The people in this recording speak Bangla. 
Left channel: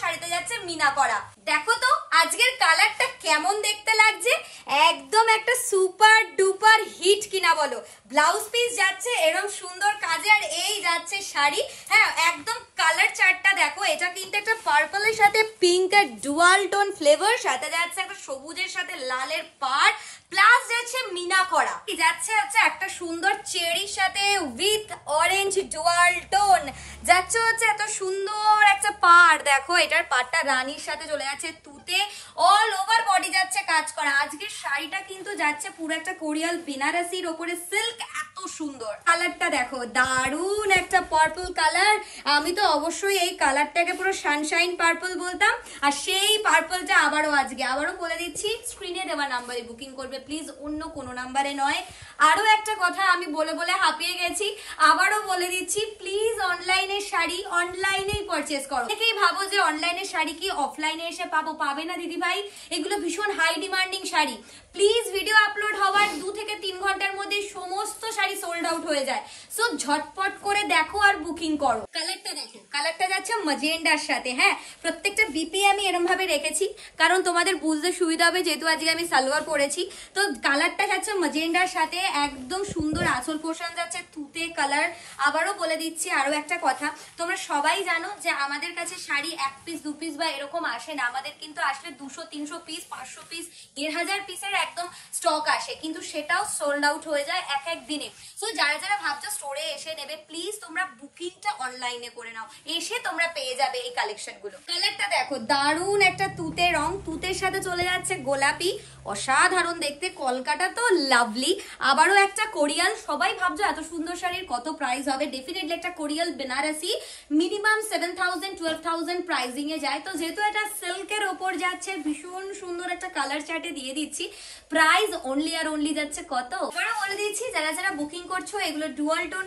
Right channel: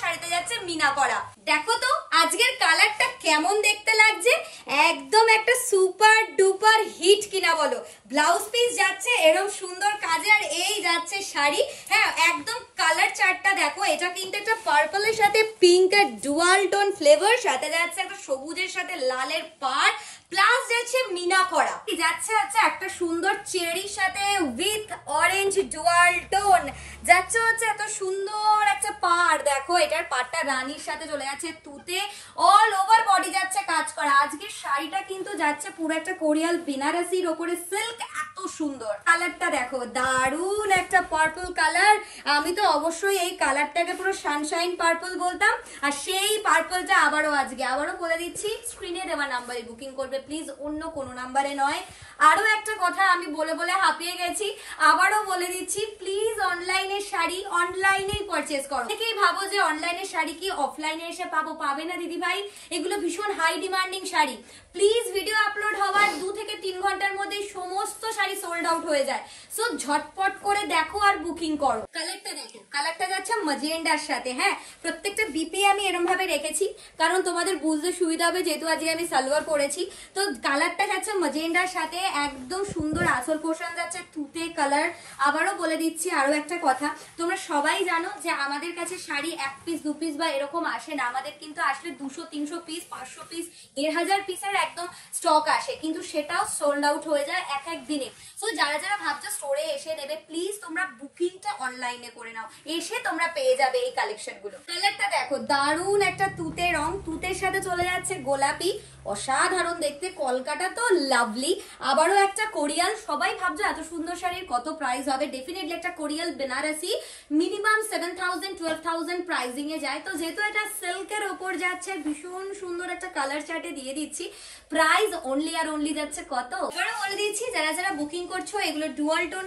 শাড়িতে যাচ্ছে মিনা করা। দেখো তো আজকের কালারটা কেমন দেখতে লাগছে, একদম একটা সুপার ডুপার হিট কিনা বলো। ব্লাউজ পিস যাচ্ছে এরকম সুন্দর কাজে, আর এই যাচ্ছে শাড়ি। হ্যাঁ, একদম কালার চার্টটা দেখো, এটা কিন্তু একটা পার্পলের সাথে পিঙ্ক আর ডুয়াল টোন ফ্লেভার, সাথে যাচ্ছে একটা সবুজের সাথে লালের পাড়, প্লাস যাচ্ছে মিনা করা, যাচ্ছে হচ্ছে একটা সুন্দর চেরির সাথে উইথ অরেঞ্জ ডুয়াল টোন, যাচ্ছে হচ্ছে এত সুন্দর একটা পাড়। দেখো এটার পাড়টা রানীর সাথে চলে যাচ্ছে তুতে, অল ওভার বডি যাচ্ছে কাজ করা। আজকের শাড়িটা কিন্তু যাচ্ছে পুরো একটা কোরিয়াল বেনারসির ওপরে সিল্ক, এত সুন্দর। কালারটা দেখো, দারুন একটা পার্পল কালার। আমি তো অবশ্যই এই কালারটাকে পুরো সানশাইন পার্পল বলতাম, আর সেই পার্পলটা আবারও বলে দিচ্ছি, স্ক্রিনে দেওয়া নাম্বারে বুকিং করবে প্লিজ, অন্য কোনো নাম্বারে নয়। আরো একটা কথা আমি বলে বলে হাঁপিয়ে গেছি, আবারও বলে দিচ্ছি, প্লিজ অনলাইনের শাড়ি অনলাইনেই পারচেজ করো। অনেকেই ভাবো যে অনলাইনের শাড়ি কি অফলাইনে এসে পাবে না দিদি ভাই, এগুলো ভীষণ high demanding sari. Please video upload হওয়ার 2 থেকে 3 ঘন্টার মধ্যে সমস্ত শাড়ি সোল্ড আউট হয়ে যায়, সো ঝটপট করে দেখো আর বুকিং করো। কালারটা দেখো, কালারটা যাচ্ছে ম্যাজেন্ডার সাথে। হ্যাঁ, প্রত্যেকটা বিপি আমি এরকম ভাবে রেখেছি কারণ তোমাদের বুঝতে সুবিধা হবে, যেহেতু আজকে আমি সালোয়ার পরেছি। তো কালারটা যাচ্ছে ম্যাজেন্ডার সাথে, একদম সুন্দর আঁচল পোর্শন যাচ্ছে তুতে কালার। আবারও বলে দিচ্ছি আরো একটা কথা, তোমরা সবাই জানো যে আমাদের কাছে শাড়ি 1 পিস 2 পিস বা এরকম আসে না, আমাদের কিন্তু আসলে 200-300 পিস 500 পিস 1000 পিসের একদম স্টক আসে, কিন্তু সেটাও সোল্ড আউট হয়ে যায় এক এক দিনে। সো যারা যারা ভাবছো স্টোরে এসে নেবে, প্লিজ তোমরা বুকিংটা অনলাইনে করে নাও, এসে তোমরা পেয়ে যাবে এই কালেকশন গুলো। কালারটা দেখো, দারুন একটা তুতে রং, তুতের সাথে চলে যাচ্ছে গোলাপি, অসাধারণ দেখতে। কলকাতা তো লাভলি। আবারও একটা কোরিয়াল, সবাই ভাবছো এত সুন্দর শাড়ির কত প্রাইস হবে, ডেফিনেটলি একটা কোরিয়াল বেনারসি মিনিমাম 7000-12,000 প্রাইসিং এ যায়। তো যেহেতু এটা সিল্কের ওপর যাচ্ছে, ভীষণ সুন্দর একটা কালার চার্টে দিয়ে দিচ্ছি, প্রাইস অনলি আর অনলি যাচ্ছে কত, এবারে বলে দিচ্ছি। যারা যারা বুকিং করছো, এগুলো ডুয়াল টোন